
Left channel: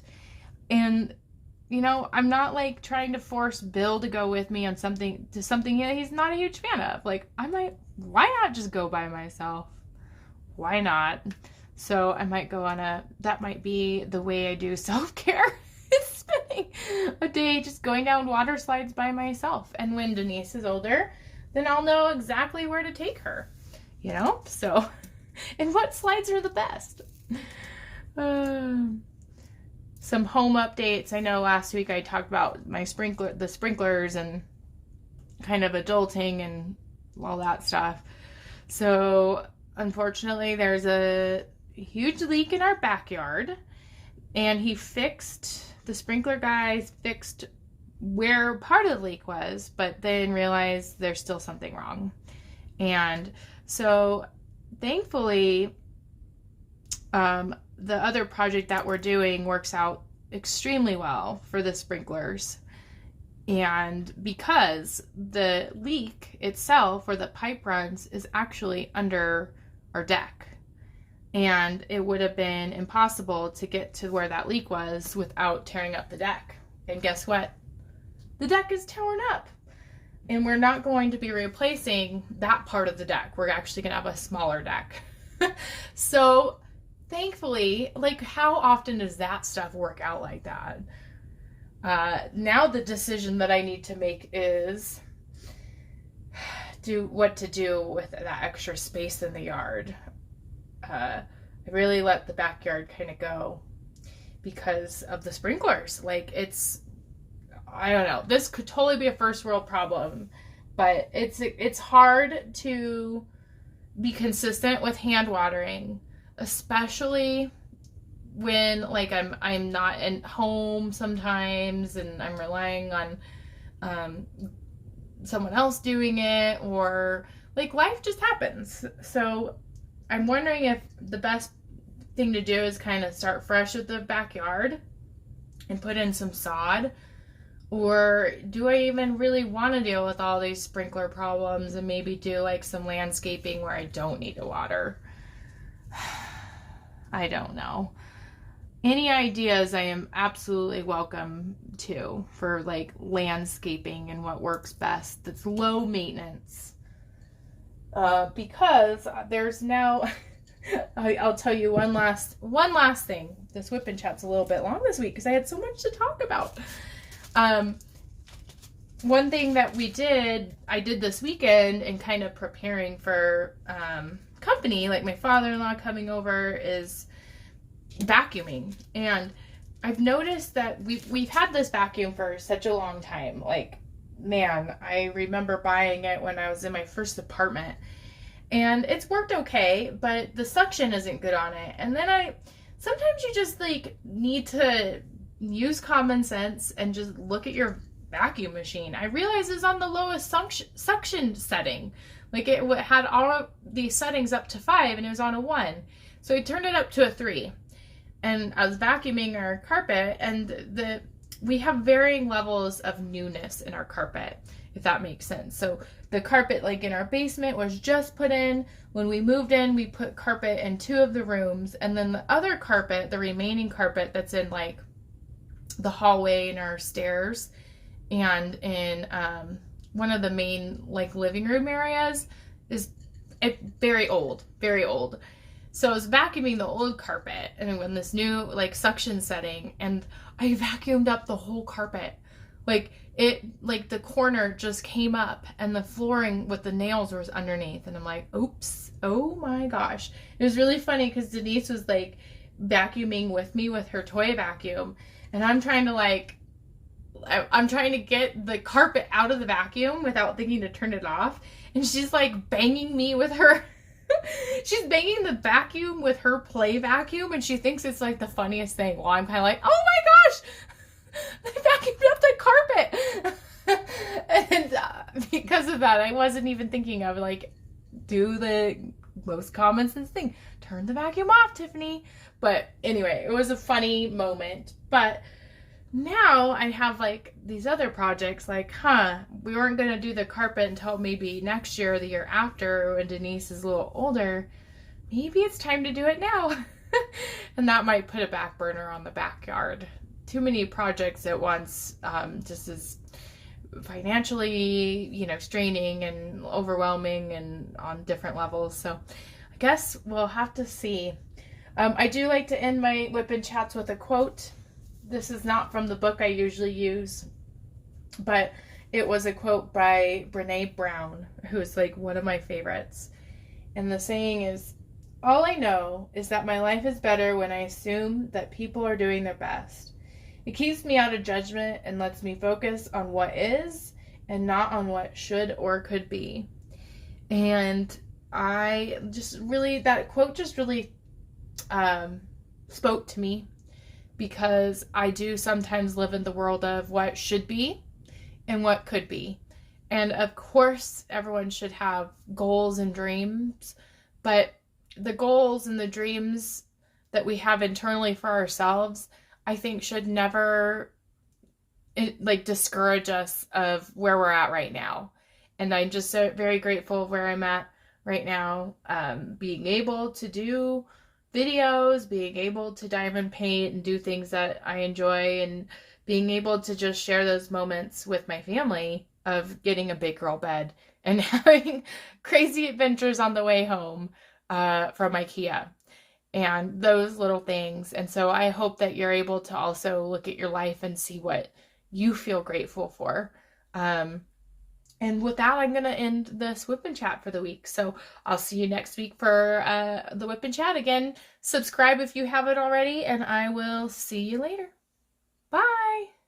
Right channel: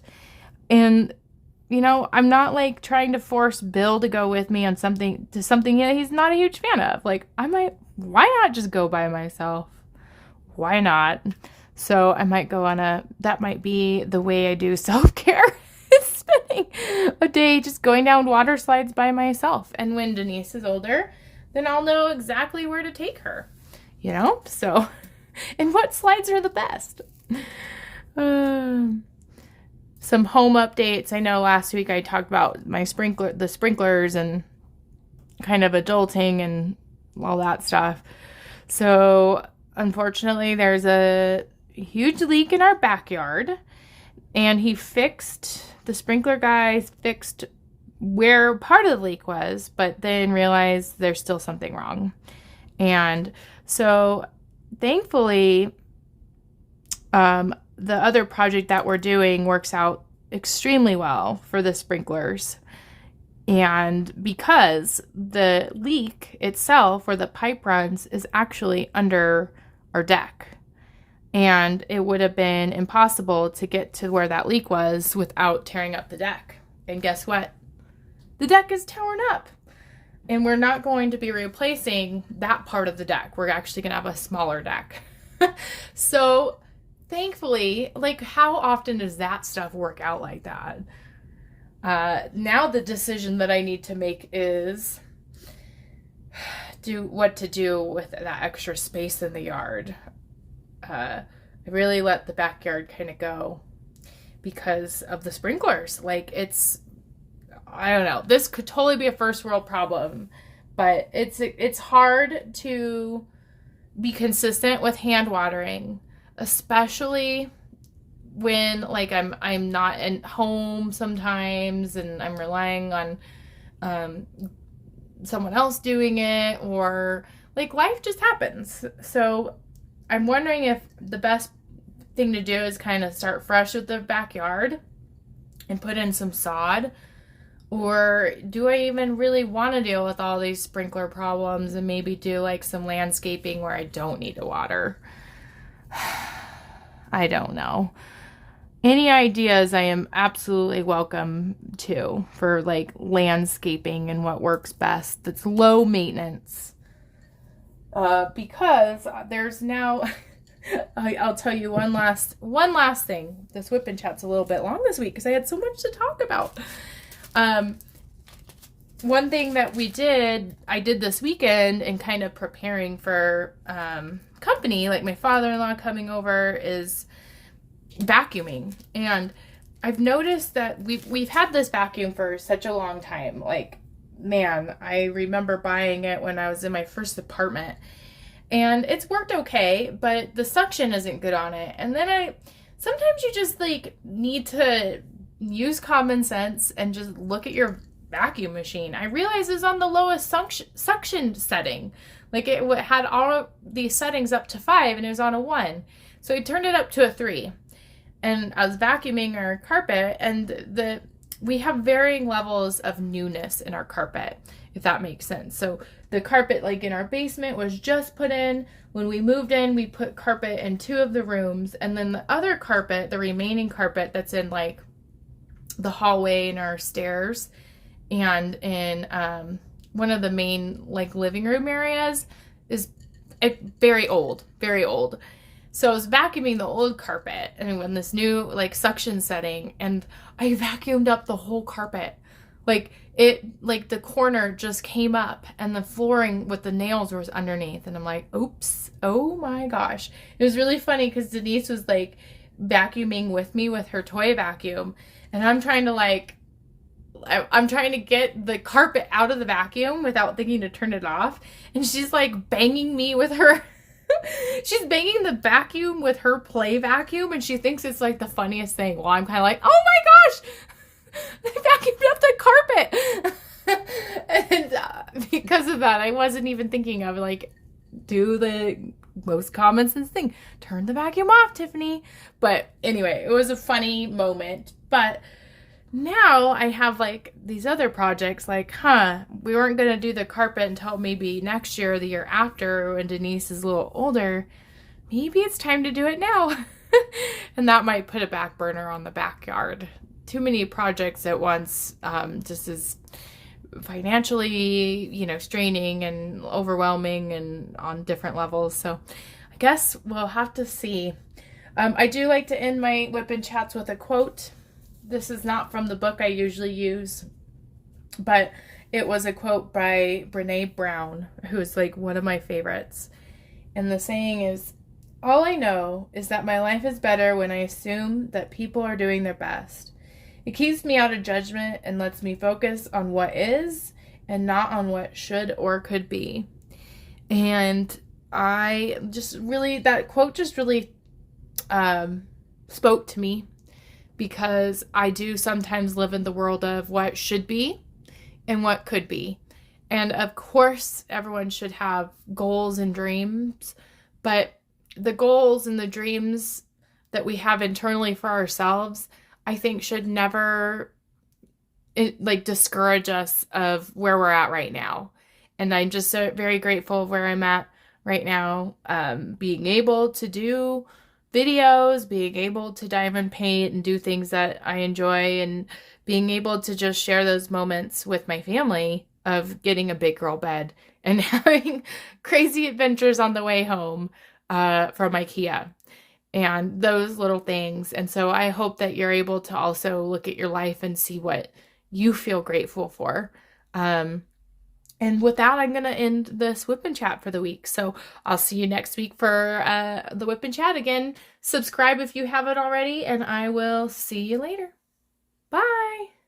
and you know, I'm not like trying to force Bill to go with me on something that he's not a huge fan of. Like, why not just go by myself? Why not? So I might go on that might be the way I do self-care. Spending a day just going down water slides by myself. And when Denise is older, then I'll know exactly where to take her, you know? So, and what slides are the best? Some home updates. I know last week I talked about the sprinklers and kind of adulting and all that stuff. So unfortunately, there's a huge leak in our backyard, and the sprinkler guy fixed where part of the leak was, but then realized there's still something wrong. And so thankfully, the other project that we're doing works out extremely well for the sprinklers. And because the leak itself, where the pipe runs, is actually under our deck. And it would have been impossible to get to where that leak was without tearing up the deck. And guess what? the deck is torn up. And we're not going to be replacing that part of the deck. We're actually going to have a smaller deck. So thankfully, like, how often does that stuff work out like that? Now the decision that I need to make is what to do with that extra space in the yard. I really let the backyard kind of go because of the sprinklers. Like, I don't know. This could totally be a first world problem, but it's hard to be consistent with hand watering, especially when, like, I'm not at home sometimes and I'm relying on someone else doing it, or like life just happens. So I'm wondering if the best thing to do is kind of start fresh with the backyard and put in some sod, or do I even really want to deal with all these sprinkler problems and maybe do like some landscaping where I don't need to water? I don't know. Any ideas I am absolutely welcome to for like landscaping and what works best that's low maintenance. Because there's now, I'll tell you one last thing. This whip and chat's a little bit long this week because I had so much to talk about. One thing that I did this weekend and kind of preparing for company, like my father-in-law coming over, is vacuuming. And I've noticed that we've had this vacuum for such a long time. Like, man, I remember buying it when I was in my first apartment, and it's worked okay, but the suction isn't good on it. And then sometimes you just like need to use common sense and just look at your vacuum machine. I realized it's on the lowest suction setting. Like, it had all these settings up to 5 and it was on a 1. So I turned it up to a 3. And I was vacuuming our carpet, and we have varying levels of newness in our carpet, if that makes sense. So the carpet, like in our basement, was just put in. When we moved in, we put carpet in 2 of the rooms, and then the other carpet, the remaining carpet that's in like the hallway and our stairs and in one of the main like living room areas, is very old, very old. So I was vacuuming the old carpet and in this new like suction setting, and I vacuumed up the whole carpet. Like the corner just came up, and the flooring with the nails was underneath, and I'm like, oops, oh my gosh. It was really funny because Denise was like vacuuming with me with her toy vacuum, and I'm trying to get the carpet out of the vacuum without thinking to turn it off, and she's like banging me with her she's banging the vacuum with her play vacuum, and she thinks it's like the funniest thing. Well, I'm kind of like, oh my gosh, I vacuumed up the carpet. And because of that, I wasn't even thinking of like, do the most common sense thing. Turn the vacuum off, Tiffany. But anyway, it was a funny moment. But now I have like these other projects, like, we weren't going to do the carpet until maybe next year or the year after when Denise is a little older. Maybe it's time to do it now. And that might put a back burner on the backyard. Too many projects at once just is financially, straining and overwhelming and on different levels. So I guess we'll have to see. I do like to end my whip and chats with a quote. This is not from the book I usually use, but it was a quote by Brene Brown, who is like one of my favorites. And the saying is, all I know is that my life is better when I assume that people are doing their best. It keeps me out of judgment and lets me focus on what is and not on what should or could be. And that quote just really spoke to me, because I do sometimes live in the world of what should be and what could be. And of course, everyone should have goals and dreams, but the goals and the dreams that we have internally for ourselves, I think should never discourage us of where we're at right now. And I'm just so very grateful where I'm at right now, being able to do videos, being able to diamond paint and do things that I enjoy, and being able to just share those moments with my family of getting a big girl bed and having crazy adventures on the way home from Ikea and those little things. And so I hope that you're able to also look at your life and see what you feel grateful for. And with that, I'm going to end this Whip and Chat for the week. So I'll see you next week for the Whip and Chat again. Subscribe if you haven't already, and I will see you later. Bye.